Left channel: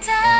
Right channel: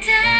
time.